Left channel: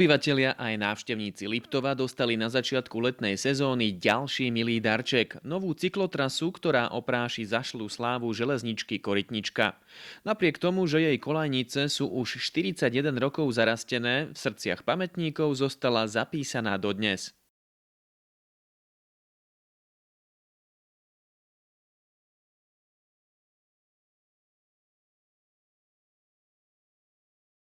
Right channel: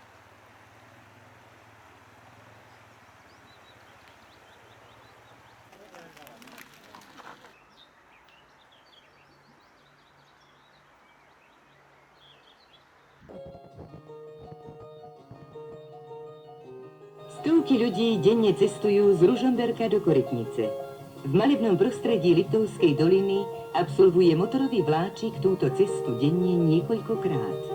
Obyvatelia aj návštevníci Liptova dostali na začiatku letnej sezóny ďalší milý darček. Novú cyklotrasu, ktorá opráši zašlú slávu železničky Korytnička. Napriek tomu, že jej kolajnice sú už 41 rokov zarastené, v srdciach pamätníkov zostala zapísaná dodnes. Stovky ľudí denne cestujú z Ružomberka do Korytnice. V malebnom prostredí Liptovskej doliny absolvuje motorový vláčik túto cestu denne niekoľkokrát.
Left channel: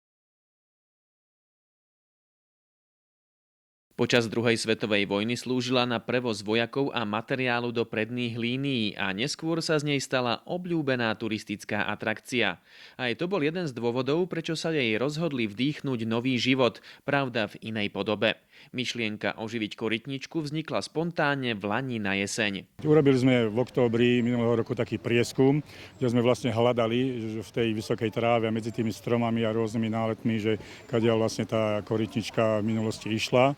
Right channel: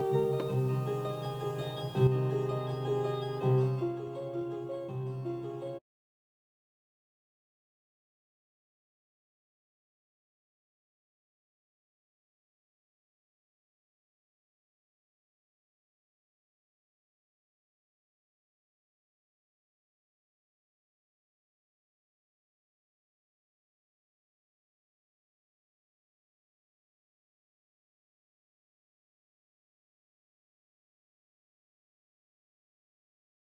Počas druhej svetovej vojny slúžila na prevoz vojakov a materiálu do predných línií a neskôr sa z nej stala obľúbená turistická atrakcia. Aj to bol jeden z dôvodov, prečo sa jej rozhodli vdýchnuť nový život, pravda v inej podobe. Myšlienka oživiť Korytničku vznikla spontánne v lani na jeseň. Urobili sme v októbri minulého roku taký prieskum, kde sme vlastne hľadali v tej vysokej tráve a medzi tými stromami a rôznymi náletmi, že kadiaľ vlastne tá Korytnička v minulosti išla.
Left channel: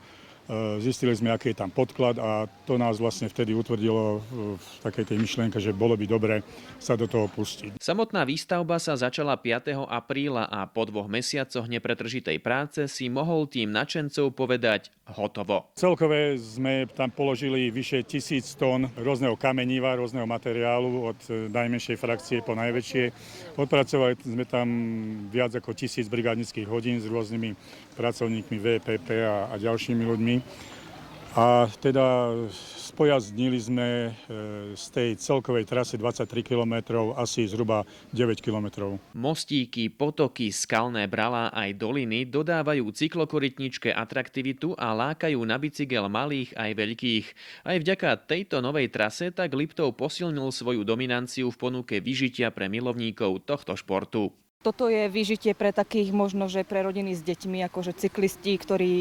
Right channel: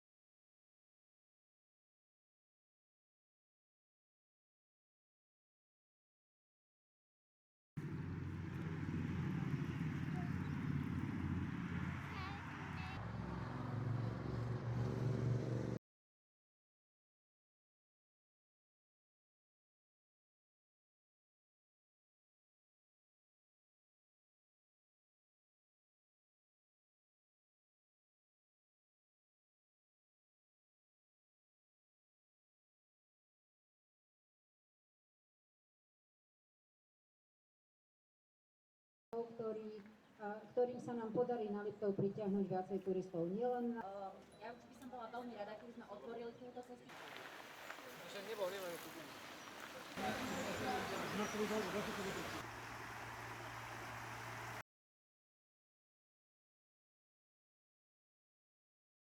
Zistili sme, aký je tam podklad a to nás vlastne vtedy utvrdilo v takej tej myšlienke, že bolo by dobre sa do toho pustiť. Samotná výstavba sa začala 5. apríla a po 2 mesiacoch nepretržitej práce si mohol tým nadšencov povedať hotovo. Celkové sme tam položili vyše 1000 tón rôzneho kameniva, rôzneho materiálu od najmenšej frakcie po najväčšie. Odpracovali sme tam viac ako 1000 brigádnických hodín s rôznymi pracovníkmi VPP a ďalšími ľuďmi. A teda spojaznili sme z tej celkovej trasy 23 km asi zhruba 9 km. Mostíky, potoky, skalné bralá aj doliny dodávajú cyklokorytničke atraktivitu a lákajú na bicykel malých aj veľkých. Aj vďaka tejto novej trase tak Liptov posilnil svoju dominanciu v ponuke vyžitia pre milovníkov tohto športu. Toto je vyžitie pre takých možno, že pre rodiny s deťmi, akože cyklisti, ktorí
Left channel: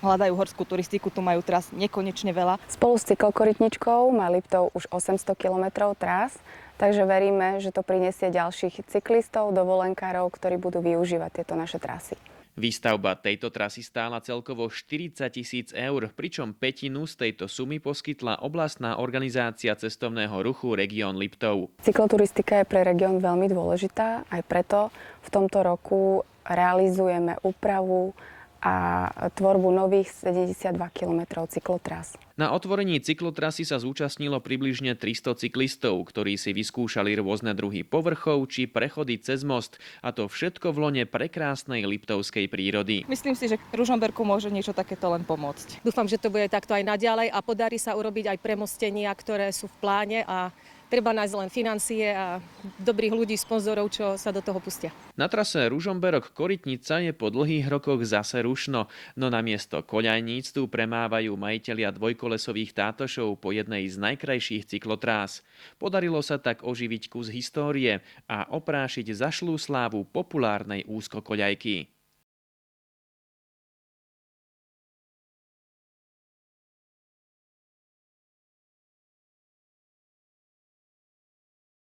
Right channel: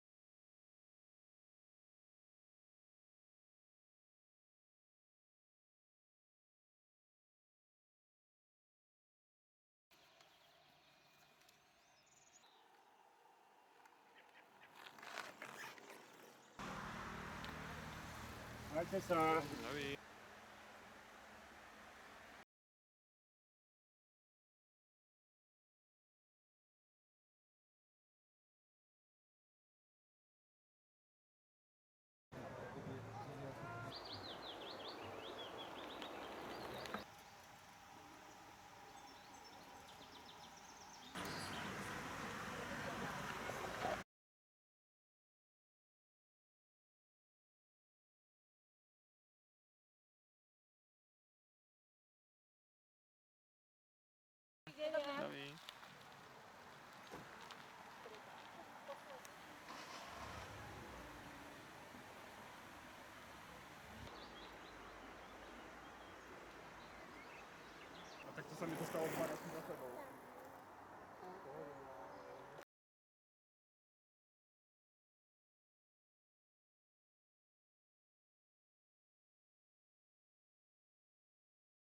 hľadajú horskú turistiku, tu majú tras nekonečne veľa. Spolu s cyklokorytničkou má Liptov už 800 km trás, takže veríme, že to prinesie ďalších cyklistov, dovolenkárov, ktorí budú využívať tieto naše trasy. Výstavba tejto trasy stála celkovo 40 000 eur, pričom pätinu z tejto sumy poskytla oblastná organizácia cestovného ruchu Región Liptov. Cykloturistika je pre región veľmi dôležitá, aj preto v tomto roku realizujeme úpravu a tvorbu nových 72 km cyklotrás. Na otvorení cyklotrasy sa zúčastnilo približne 300 cyklistov, ktorí si vyskúšali rôzne druhy povrchov či prechody cez most, a to všetko v lone prekrásnej liptovskej prírody. Myslím si, že Ružomberku môže niečo takéto len pomôcť. Dúfam, že to bude takto aj naďalej a podarí sa urobiť aj premostenia, ktoré sú v pláne a treba nájsť len financie a dobrých ľudí, sponzorov, čo sa do toho pustia. Na trase Ružomberok-Korytnica je po dlhých rokoch zase rušno, no namiesto koľajníc tu premávajú majitelia dvojkolesových tátošov po jednej z najkrajších cyklotrás. Podarilo sa tak oživiť kus histórie a oprášiť zašlú slávu populárnej úzkokoľajky.